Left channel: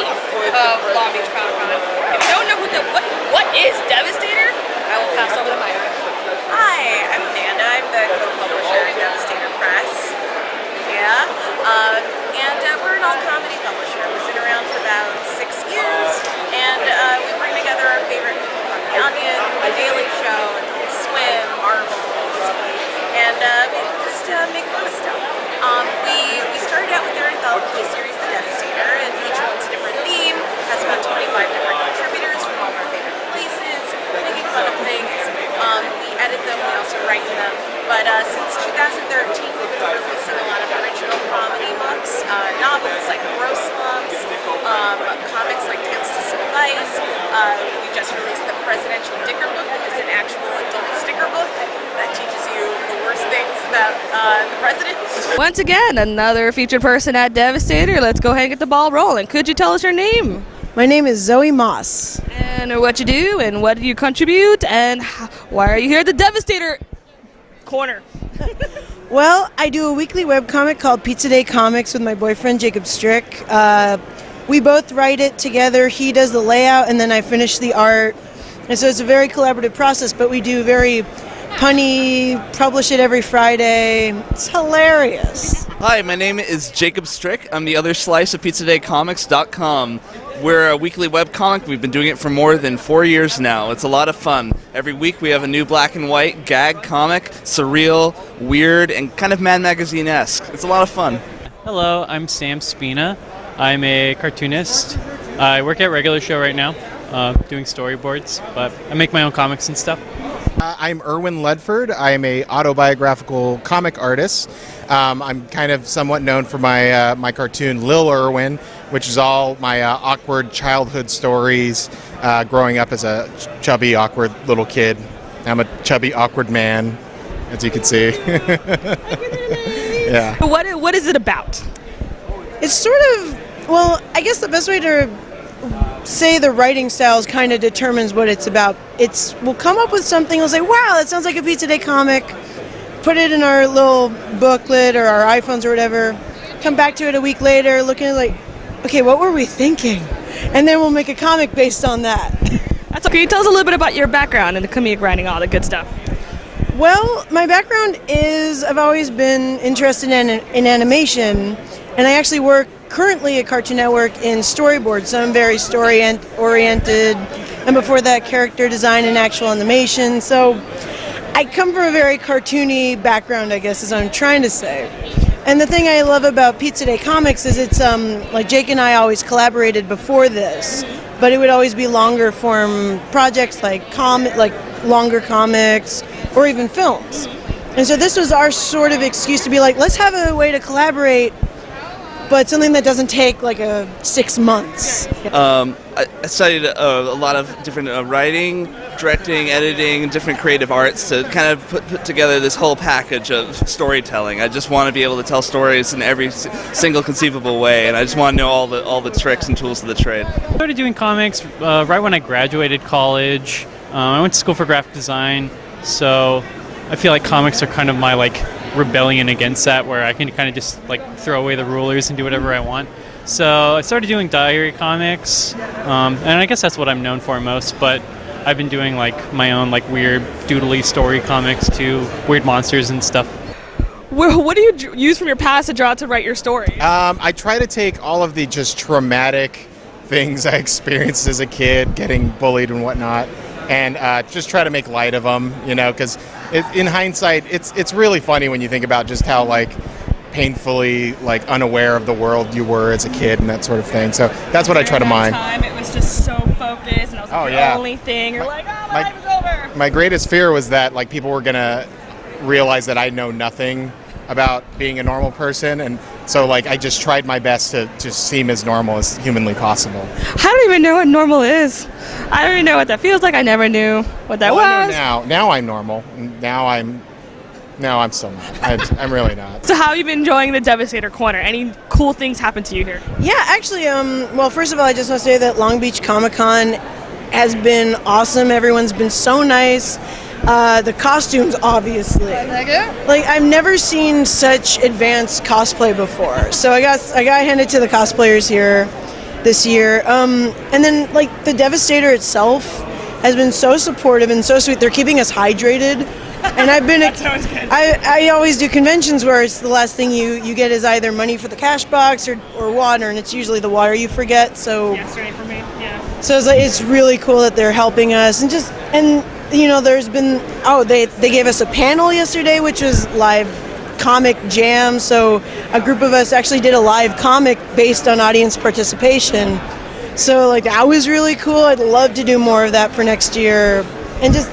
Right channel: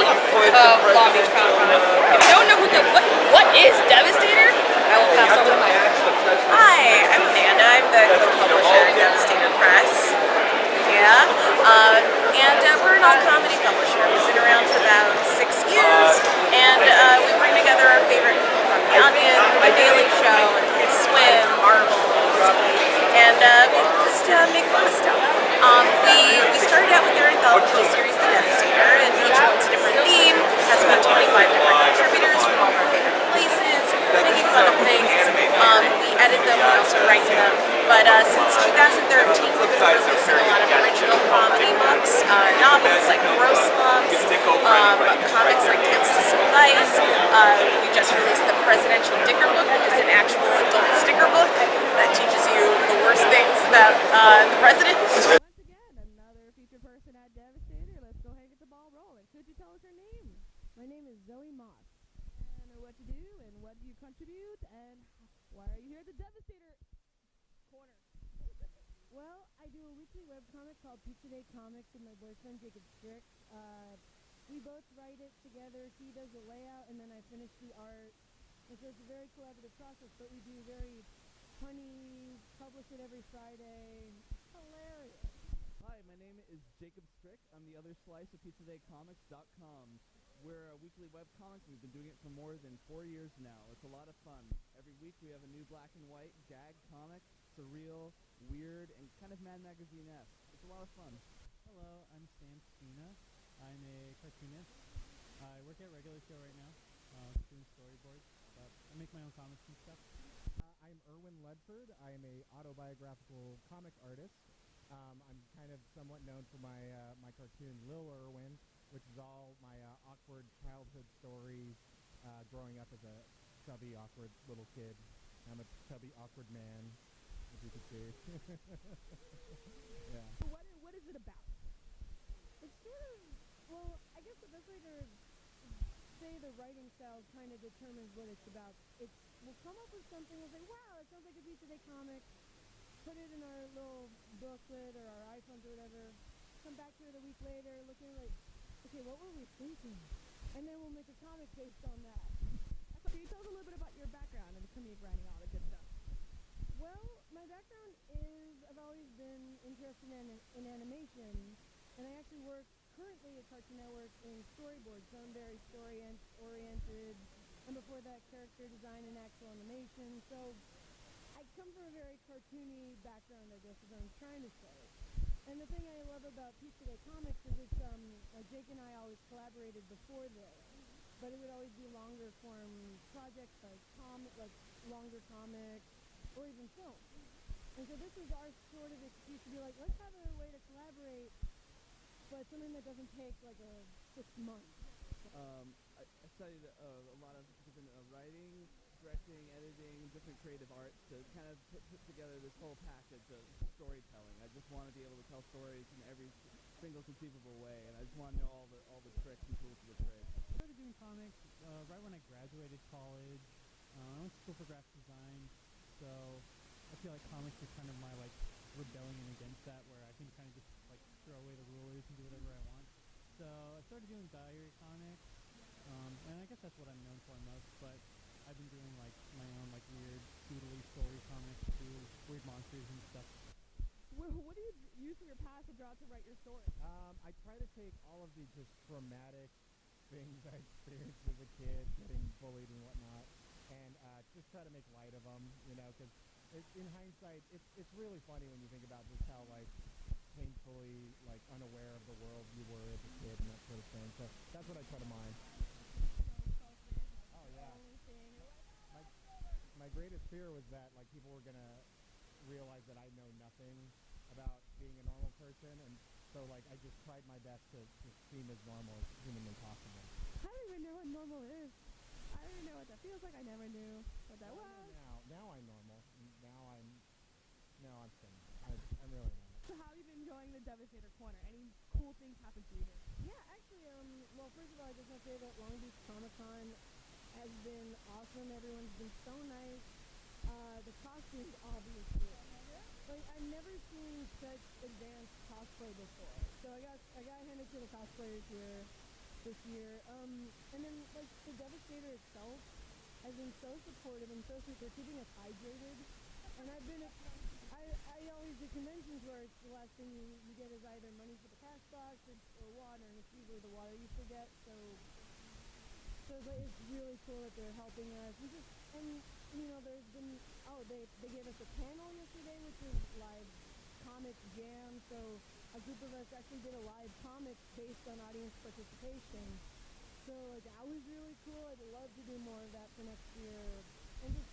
8th of Long Beach Comic Con. If you don't know what is Devastator, I will pass over the mic. Hi, I'm Amanda. I'm the co-publisher at Devastator Press. We're an all-comedy publisher. We've been around for about 6 years, and we bring together our favorite people from The Onion, The Daily Show, Adult Swim, Marvels, and we just make fun of stuff. We started out with their anthology series, The Devastator, and each one's a different theme, has about 25 different contributors from all of our favorite places, making fun of things. We edit them, we also write them. But since 2013, we've been releasing a lot of original comedy books, novels like Gross Lumps, comics like Tales to Suffice. We just released the Presidential Dicker Book, which is an actual adult sticker book that teaches you the worst things about the president. Once again, another featured person at Devastator. Let's go ahead and get the ball rolling. Could you tell us your name? My name is Zoe Moss. And what you do, and what do you contribute, and why are you here at the Devastator Corner? Well, I do a weekly webcomic called Pizza Day Comics with my boyfriend Jacob Strick. We both write it together. He does the layout and then I finish the art. And so it's a very collaborative process, but we do very punny, publish it every Friday. It's hilarious. Hi, my name is Jacob Strick. I'm the other slice of PizzaDayComics.com. We're a weekly webcomic. We've been doing it for more than 4 years now. It's a lot of fun. Every week we have a new black and white gag comic, surreal, weird, and kind of Mad Magazine-esque. It's a lot of fun. Hello, I'm Sam Spina. I'm a cartoonist. I work at Regular Show right now, doing storyboards, but I make my own comics and stuff. I'm Erwin Ledford. I am a autobiographical comic artist. I'm kind of somewhat known for my my cartoon Lil Irwin, which is all my awkward childhood stories growing up as a chubby, awkward little kid. I'm a chubby, awkward man, as you can see. Yeah. But what is it about? It's sort of, well, I guess the best way to say the writing styles kind of determines what it's about. We'll come up with something, we'll say, wow, that sounds like a Pizza Day comic, put it in our little booklet or our iPhones or whatever, come back to it a week later, looking at it like, okay, what were we thinking? And then we'll make a comic based on that. That's okay. Tell us a little bit about your background in the comedic writing, all the good stuff. Well, my background is I've always been interested in animation, and I actually work currently at Cartoon Network in storyboards, so I'm very story-oriented, and before that, character design and actual animation. So I come from a very cartoony background, I guess, is what I'm trying to say. And the thing I love about Pizza Day Comics is it's like Jake and I always collaborated before this, but it would always be longer form projects like longer comics or even films. And so this was our sort of excuse to be like, let's have a way to collaborate, but something that doesn't take like 6 months. I studied a lot of different writing, directing, editing, different creative arts to kind of put together this whole package of storytelling. I just want to be able to tell stories in every single conceivable way, and I just want to know all the tricks and tools of the trade. I started doing comics right when I graduated college. I went to school for graphic design, so I feel like comics are kind of my rebellion against that, where I can kind of just throw away the rulers and do whatever I want. So I started doing diary comics, and I guess that's what I'm known for most, but I've been doing my own weird doodly story comics too, weird monsters and stuff. What do you use from your past to draw to write your story? I try to take all of the just traumatic things I experienced as a kid, getting bullied and whatnot, and just try to make light of them, because in hindsight, it's really funny when you think about just how painfully unaware of the world you were as a kid and that sort of thing. So that's what I try to mine. Time, it was just so focused, and I was the only thing. You're my life is over. My greatest fear was that people were gonna realize that I know nothing about being a normal person, and so I just tried my best to just seem as normal as humanly possible. I don't even know what normal is. I don't even know what that feels like. I never knew what that was. I know now I'm normal. Now I'm still not. I'm really not. So how have you been enjoying the Devastator Corner? Any cool things happen to you here? Yeah, actually, well, first of all, I just want to say that Long Beach Comic Con has been awesome. Everyone's been so nice. The costumes, obviously. I've never seen such advanced cosplay before. So I got handed to the cosplayers here, this year. And then like the Devastator itself has been so supportive and so sweet. They're keeping us hydrated. And I've been, I always do conventions where it's the last thing you get is either money for the cash box or water, and it's usually the water you forget. So Yesterday for me, yeah. So it's really cool that they're helping us, and you know, there's been, they gave us a panel yesterday, which was live comic jam. So a group of us actually did a live comic based on audience participation. So like that was really cool. I'd love to do more of that for next year, and just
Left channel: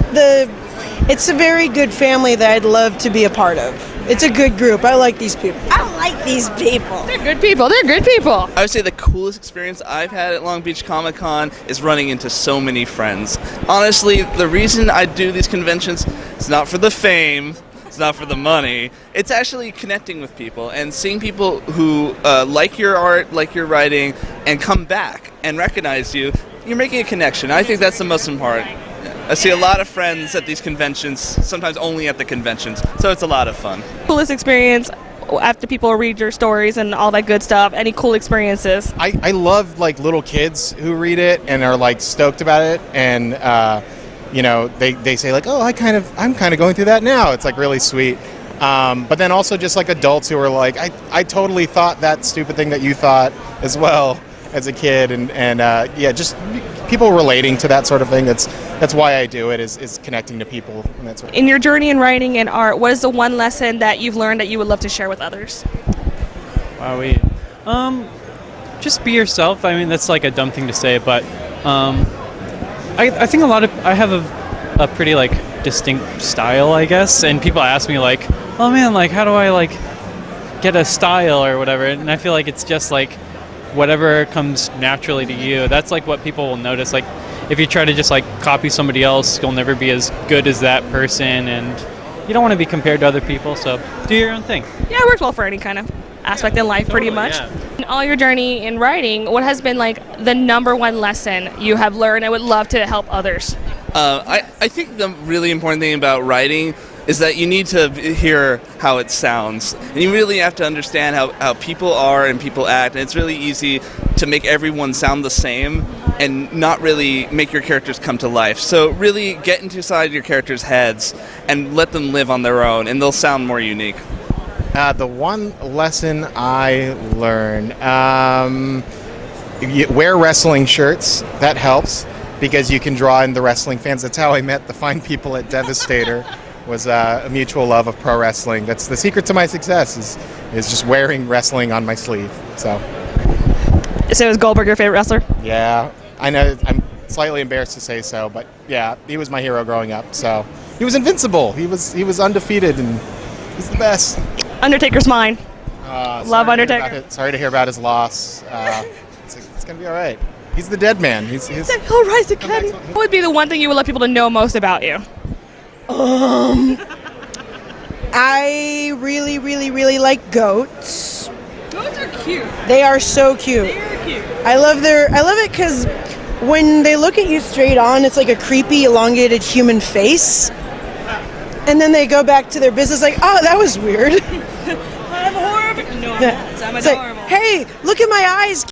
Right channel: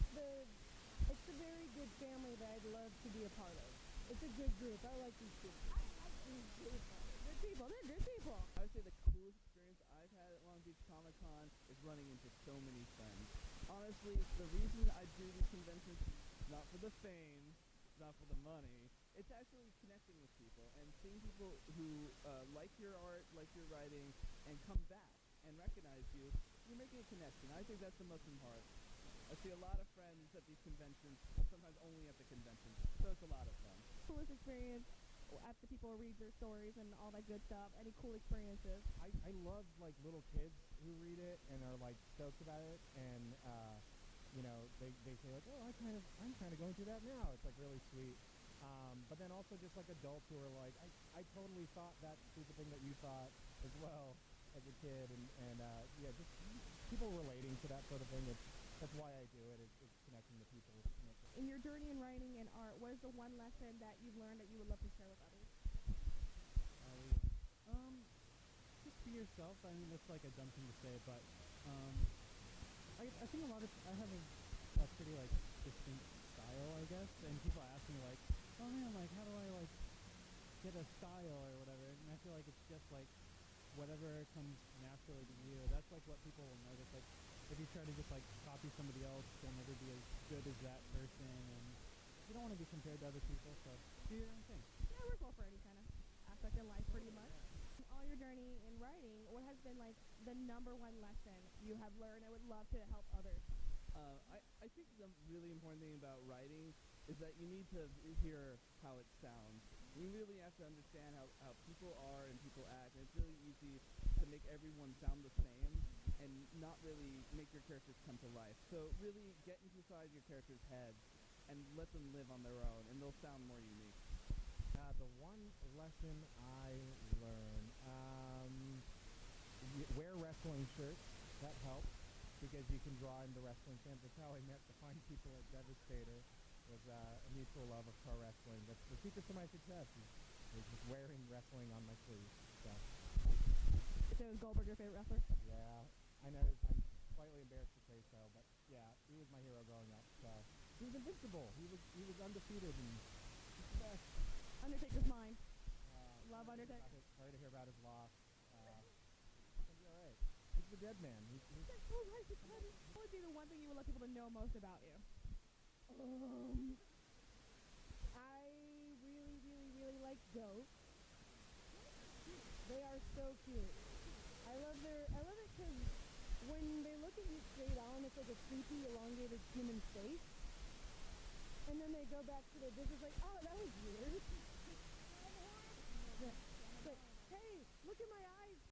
it's a very good family that I'd love to be a part of. It's a good group. I like these people. They're good people. They're good people. I would say the coolest experience I've had at Long Beach Comic Con is running into so many friends. Honestly, the reason I do these conventions is not for the fame, it's not for the money. It's actually connecting with people and seeing people who like your art, like your writing, and come back and recognize you. You're making a connection. I think that's the most important. I see a lot of friends at these conventions, sometimes only at the conventions, so it's a lot of fun. Coolest experience after people read your stories and all that good stuff. Any cool experiences? I love like little kids who read it and are like stoked about it, and you know, they say like, oh, I'm kind of going through that now. It's like really sweet. But then also just like adults who are like, I totally thought that stupid thing that you thought as well as a kid, and yeah, just people relating to that sort of thing. That's why I do it, is connecting to people. And that's In your journey in writing and art, what is the one lesson that you've learned that you would love to share with others? Wow, just be yourself. I mean, that's like a dumb thing to say, but I think I have a pretty like distinct style, I guess, and people ask me like, oh man, like how do I like get a style or whatever, and I feel like it's just like whatever comes naturally to you. That's like what people will notice. Like if you try to just like copy somebody else, you'll never be as good as that person, and you don't want to be compared to other people, so do your own thing. Yeah, it works well for any kind of aspect in life, pretty much. Yeah. In all your journey in writing, what has been like the number one lesson you have learned and would love to help others? I think the really important thing about writing is that you need to hear how it sounds. And you really have to understand how people are and people act. And it's really easy to make everyone sound the same and not really make your characters come to life. So really get inside your characters' heads and let them live on their own, and they'll sound more unique. The one lesson I learned, wear wrestling shirts. That helps because you can draw in the wrestling fans. That's how I met the fine people at Devastator. Was a mutual love of pro wrestling. That's the secret to my success, is just wearing wrestling on my sleeve. So is Goldberg your favorite wrestler? yeah, I know I'm slightly embarrassed to say so, but yeah, he was my hero growing up. So he was invincible. He was undefeated, and he's the best. Undertaker's mine. Love Undertaker. Sorry to hear about his loss. It's gonna be all right. He's the dead man. He's He'll rise again. What would be the one thing you would let people to know most about you? I really, really, really like goats. Goats are cute. They are so cute. They're cute. I love it because when they look at you straight on, it's like a creepy, elongated human face. And then they go back to their business like, oh, that was weird. I'm horrible. No, I'm not. I'm It's like, adorable. hey, look at my eyes,